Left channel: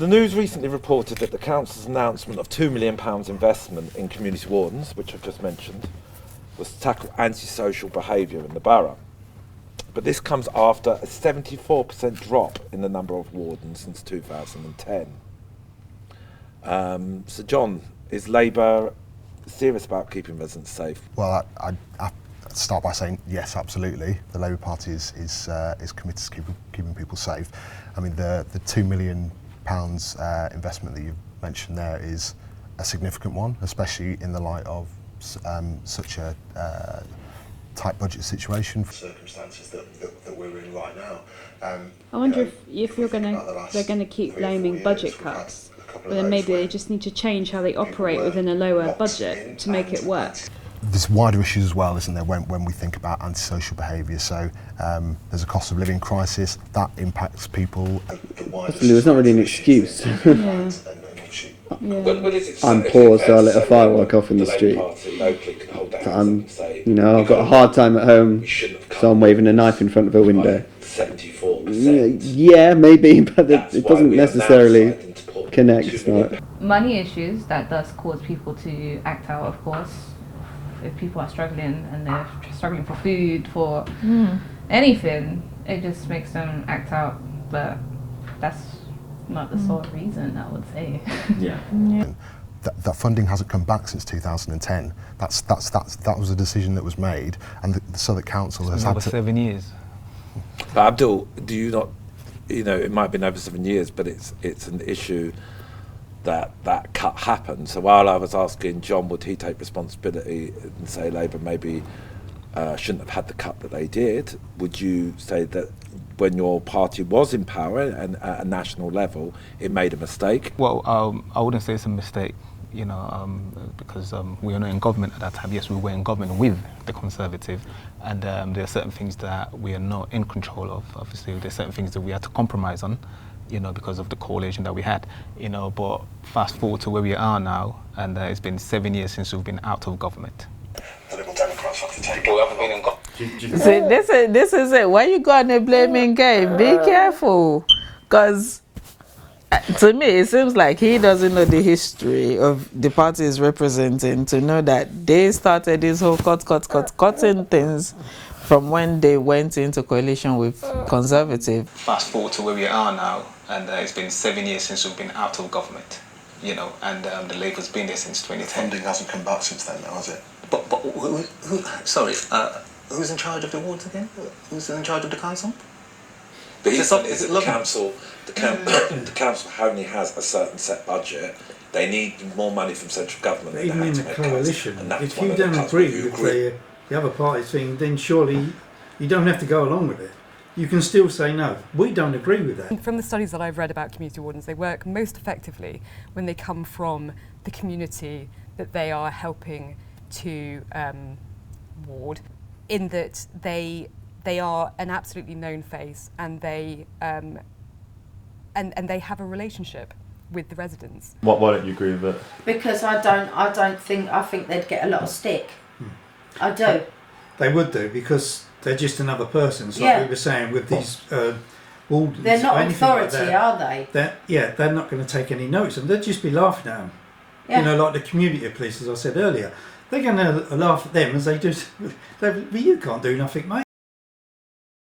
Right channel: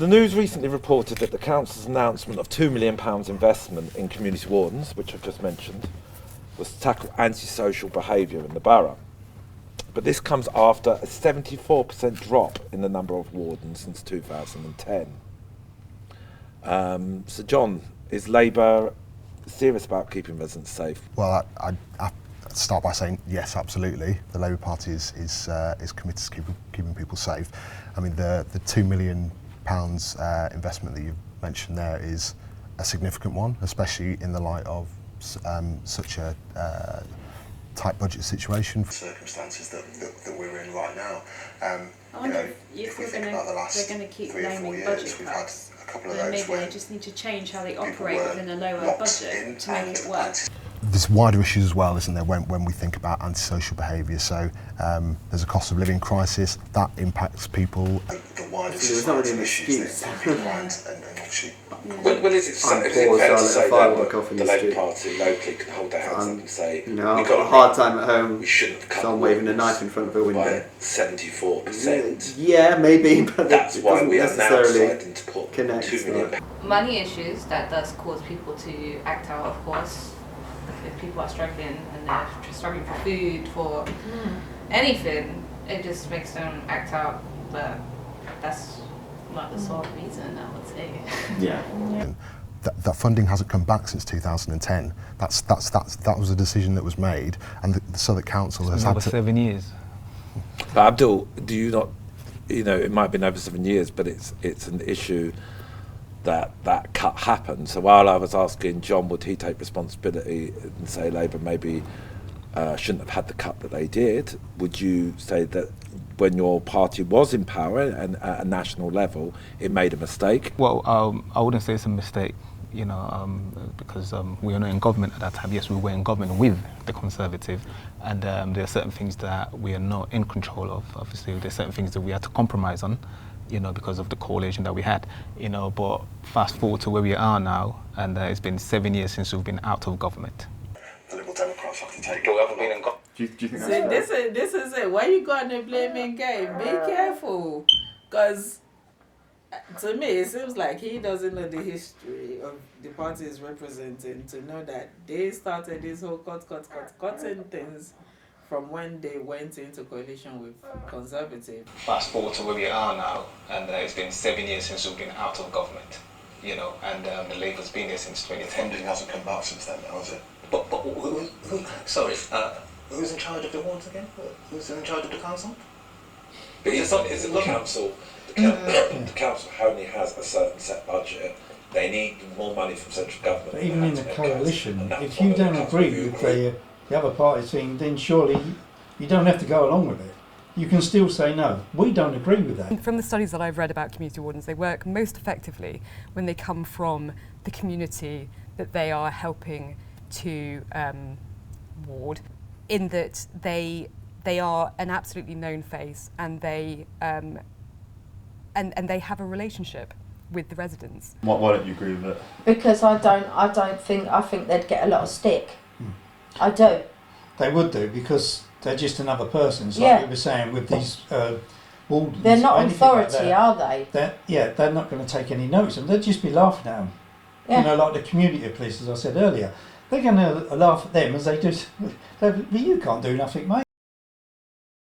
The news recently reported that the council's announcement of £2 million investment in community wardens, which I've just mentioned, was to tackle antisocial behaviour in the borough. But this comes after a 74% drop in the number of wardens since 2010. So John, is Labour serious about keeping residents safe? Well, I start by saying yes, absolutely. The Labour Party is committed to keeping people safe. I mean, the £2 million investment that you've mentioned there is a significant one, especially in the light of such a tight budget situation. Circumstances that we're in right now. I wonder if they're going to keep blaming budget cuts, then maybe they just need to change how they operate within a lower budget to make it work. There's wider issues as well, isn't there, when we think about antisocial behaviour. So there's a cost of living crisis that impacts people. There's not really an excuse. Yeah. I'm poor, so I let a firework off in the street. I've got a hard time at home, so I'm waving a knife in front of a window. 74%. Yeah, maybe, but it doesn't necessarily connect. Money issues, that does cause people to act out, of course. If people are struggling and they're struggling for food, for anything, it just makes them act out. But that's not the sole reason, I would say. Yeah. That funding hasn't come back since 2010. That was a decision that was made, and the Southwark Council has had over 7 years. But Abdul, do you not? It might have been over 7 years, but it's an issue that cut happened. So while I was asking John, would he take responsibility and say Labour maybe shouldn't have had the cut that they did, would you say that when your party was in power and at a national level, it made a mistake? Well, I wouldn't say it's a mistake, because we were not in government at that time. Yes, we were in government with the Conservative, and there are certain things that we are not in control of. Obviously, there are certain things that we had to compromise on, because of the coalition that we had, but fast forward to where we are now, and it's been 7 years since we've been out of government. The Liberal Democrats have to take See, this is it. Why you go on a blaming game? Be careful, because to me it seems like he doesn't know the history of the party he's representing to know that they started this whole cutting things from when they went into coalition with Conservative. Fast forward to where we are now, and it's been 7 years since we've been out of government, and the Labour's been there since 2010. Funding hasn't come back since then, has it? But who's in charge of the wards again? Who's in charge of the council? But is it the council? The council only has a certain set budget. They need more money from central government. But even in a coalition, if you don't agree with the other party's thing, then surely you don't have to go along with it. You can still say no. We don't agree with that. From the studies that I've read about community wardens, they work most effectively when they come from the community that they are helping to ward, in that they are an absolutely known face, and they and they have a relationship with the residents. Why don't you agree with it? Because I think they'd get a lot of stick. I do. They would do, because they're just another person. So Yeah. like we were saying with these wardens. They're not or anything authority, like that, are they? They're not going to take any notice of them. They'll just be laughing at them. Yeah. Like the community police, as I said earlier. They're going to laugh at them as they do. But you can't do nothing, mate.